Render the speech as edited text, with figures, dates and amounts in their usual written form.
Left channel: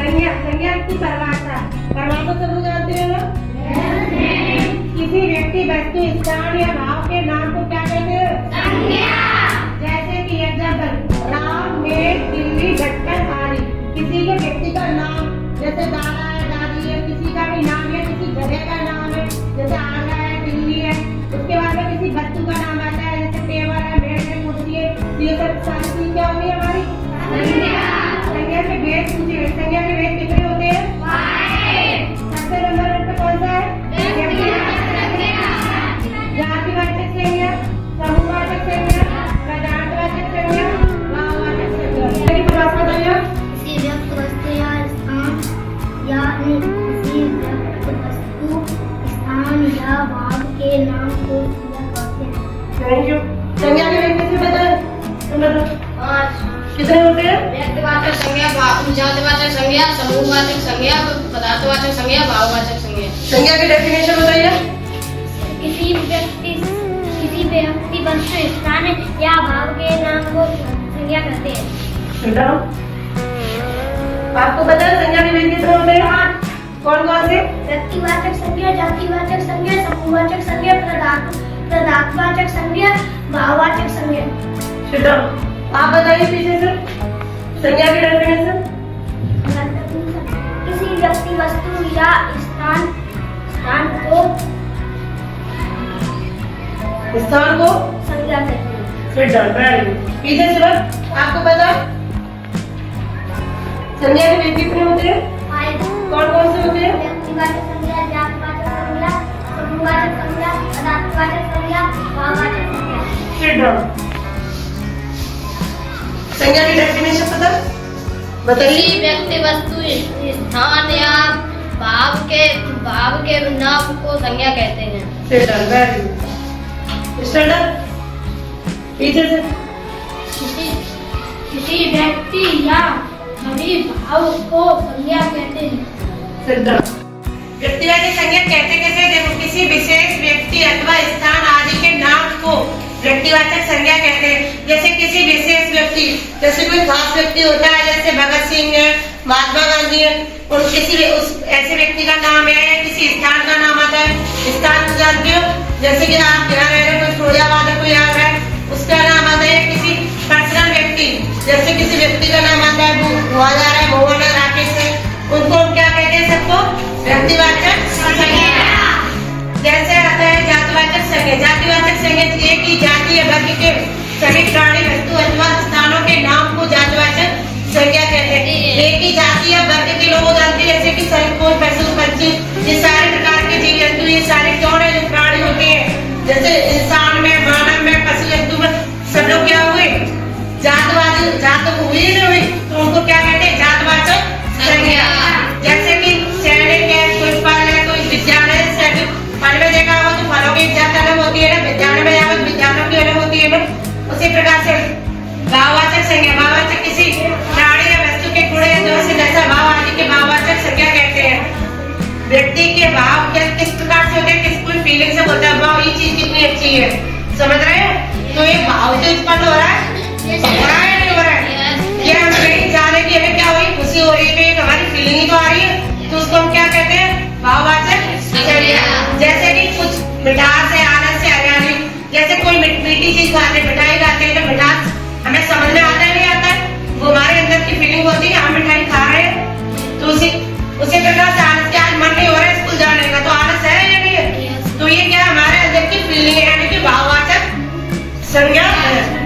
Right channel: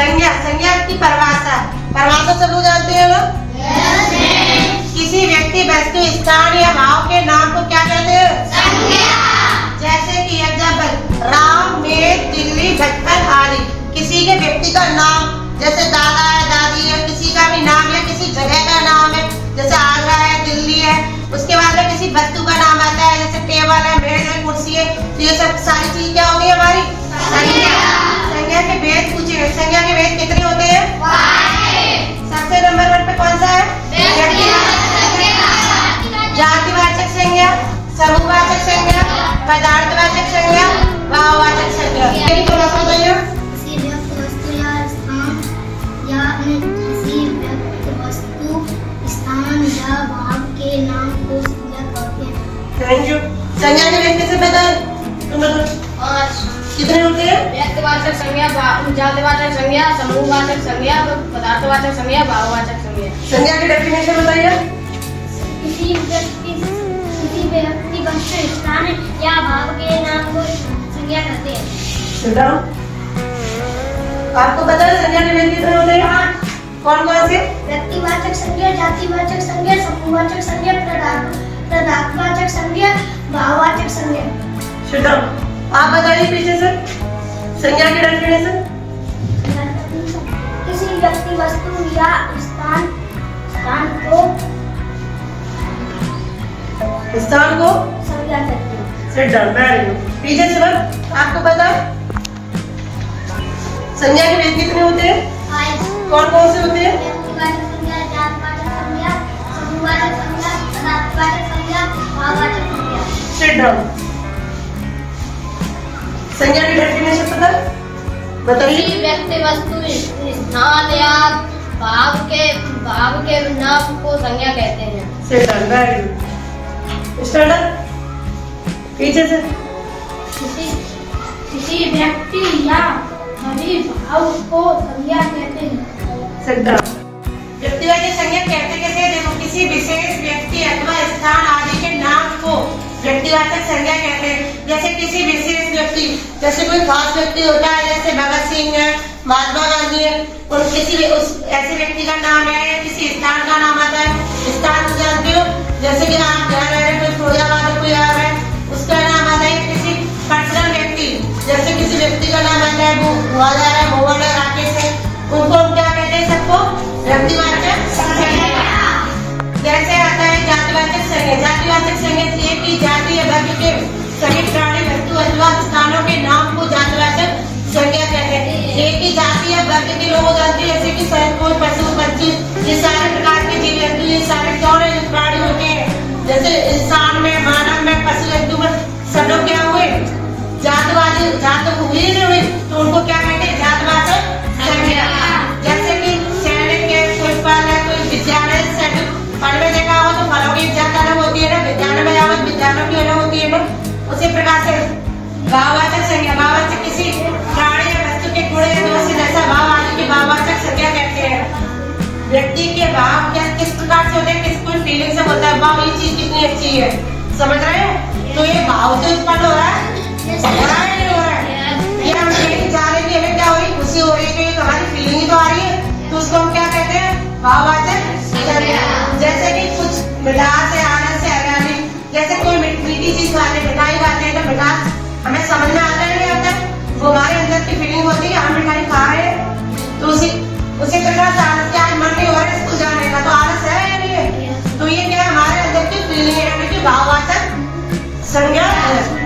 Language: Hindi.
संज्ञा, संज्ञा की परिभाषा, परिभाषा सब लोग जानते हैं ना? किसी व्यक्ति, वस्तु, स्थान या भाव के नाम को क्या कहते हैं? संज्ञा। जैसे कि एग्जाम्पल राम, मेघ, दिल्ली, बचपन आदि। किसी के व्यक्ति का नाम, जैसे दादा है, दादी है, किसी का भी नाम है, किसी जगह का नाम है, जैसे आगरा है, दिल्ली है। उसके बाद में किसी वस्तु का नाम आता है, जैसे टेबल है, मेज है, कुर्सी है। तो ये सब सारी चीज क्या होगी हमारी? संज्ञा। संज्ञा के भेद पूछे, संज्ञा के भेद कितने होते हैं? 5। सबसे नंबर 1 पे कौन सा है? जातिवाचक संज्ञा, समूहवाचक संज्ञा, पदार्थवाचक संज्ञा, भाववाचक संज्ञा। थोड़ा सा बताइए। किसी व्यक्ति, वस्तु या स्थान या किसी व्यक्ति, वस्तु, स्थान या भाव के नाम को संज्ञा कहते हैं। Thank you. संज्ञा के भेद कैसे बताए? तुम बताओ। 5 कितने होते हैं? व्यक्तिवाचक संज्ञा, जातिवाचक संज्ञा, समूहवाचक संज्ञा, पदार्थवाचक संज्ञा, भाववाचक संज्ञा। संज्ञा की डेफिनेशन बताइए। किसी व्यक्ति, वस्तु, स्थान या भाव के नाम को संज्ञा कहते हैं। बेटा आपको पता है संज्ञा के भेद कितने होते हैं? कौन कौन से? व्यक्तिवाचक संज्ञा, जातिवाचक संज्ञा, समूहवाचक संज्ञा, पदार्थवाचक संज्ञा, भाववाचक संज्ञा। बेटा आप बताइए पीछे से संज्ञा की डेफिनेशन। किसी व्यक्ति, वस्तु या स्थान को संज्ञा कहते हैं। Sit down, very good. पीछे से बस आपको पता है संज्ञा के भेद कितने होते हैं? 5 कौन कौन से होते हैं? व्यक्तिवाचक संज्ञा, जातिवाचक संज्ञा, समूहवाचक संज्ञा, पदार्थवाचक संज्ञा, भाववाचक संज्ञा। Sit down. संज्ञा की डेफिनेशन पता बताइए। किसी व्यक्ति, वस्तु, स्थान या भाव के नाम को संज्ञा कहते हैं। Sit down, very good. Stand up. पीछे से किसी व्यक्ति या सभी भाव को संज्ञा कहते हैं। Sit down. व्यक्तिवाचक संज्ञा कहते कैसे? देखो किसी विशेष व्यक्ति अथवा स्थान आदि के नाम को व्यक्तिवाचक संज्ञा कहते हैं। जैसे किसी विशेष व्यक्ति, जैसे कोई खास व्यक्ति होता है, जैसे भगत सिंह है, महात्मा गांधी है, और किसी उस ऐसे व्यक्ति का नाम है या किसी स्थान का नाम आता है। स्थान जानते हो, जैसे कि आप यहाँ रह रहे हैं, कोई फिरोजाबाद है, कोई आ रहा है, उसका नाम आता है। किसी पर्सनल व्यक्ति, जैसे किसी व्यक्ति का नाम आता है, भोला है, भोला राकेश है, उनको हम क्या कहते हैं? सबको व्यक्तिवाचक संज्ञा। जैसे आता है जातिवाचक संज्ञा। जातिवाचक संज्ञा एक ही जाति या वर्ग के सभी प्राणी, वस्तु अथवा स्थानों के नाम को जातिवाचक संज्ञा कहते हैं। एक ही जाति या वर्ग के लोग जानते हैं, जैसे कि कोई पशु, पक्षी, ये सारे प्रकार के जीव जंतु, ये सारे कौन है? जो प्राणी होते हैं, जैसे इंसान में, मानव में, पशु जंतु में, सब लोग क्या हुए? जातवादी, जात हुई नहीं हुई, तो उनको क्या कहते हैं? जातवाचक संज्ञा। जैसे कि सैनिक है, कोई फल है, कोई विद्यालय से फल में देखा हो तो फलों की जात अलग होती है ना, विद्यालय में जाओ तो विद्यालयों की अलग होती है ना। उसी प्रकार से भाववाचक संज्ञा, भाववाचक किसी प्राणी या वस्तु के गुण जो से जैसा भाव आदि के भाववाचक संज्ञा कहते हैं। व्यक्ति के भाव क्या किस प्रकार से होते हैं? किस कोई फीलिंग से होता है, वाह ये चीज कितनी अच्छी है, समझ रहे हैं? तो ये भाव से उत्पन्न हो रहा है, हो रहा है नहीं हो रहा है? ये हम कहीं जा रहे हैं, हमें क्या हो रही? खुशी हो रही है, तो एक हमारी फीलिंग ही तो आ रही है, तो उसको हम क्या कहते हैं? भाववाचक संज्ञा। जैसे कि कुछ मिठास है, आनंद से, हरियाली, जैसे कोई मीठी चीज खाते हैं, मिठाई खाते हैं, तो मिठास हमें समझ में आता है, नहीं आता है? वो हमारे अंदर की फीलिंग होती है, हम मिठाई खा रहे हैं, तो उसी प्रकार से आलस, क्या आज मन नहीं हो रहा है स्कूल जाने का, तो आलस है या नहीं है? तो ये क्या हमारे अंदर की फीलिंग है, यानी कि भाववाचक संज्ञा है।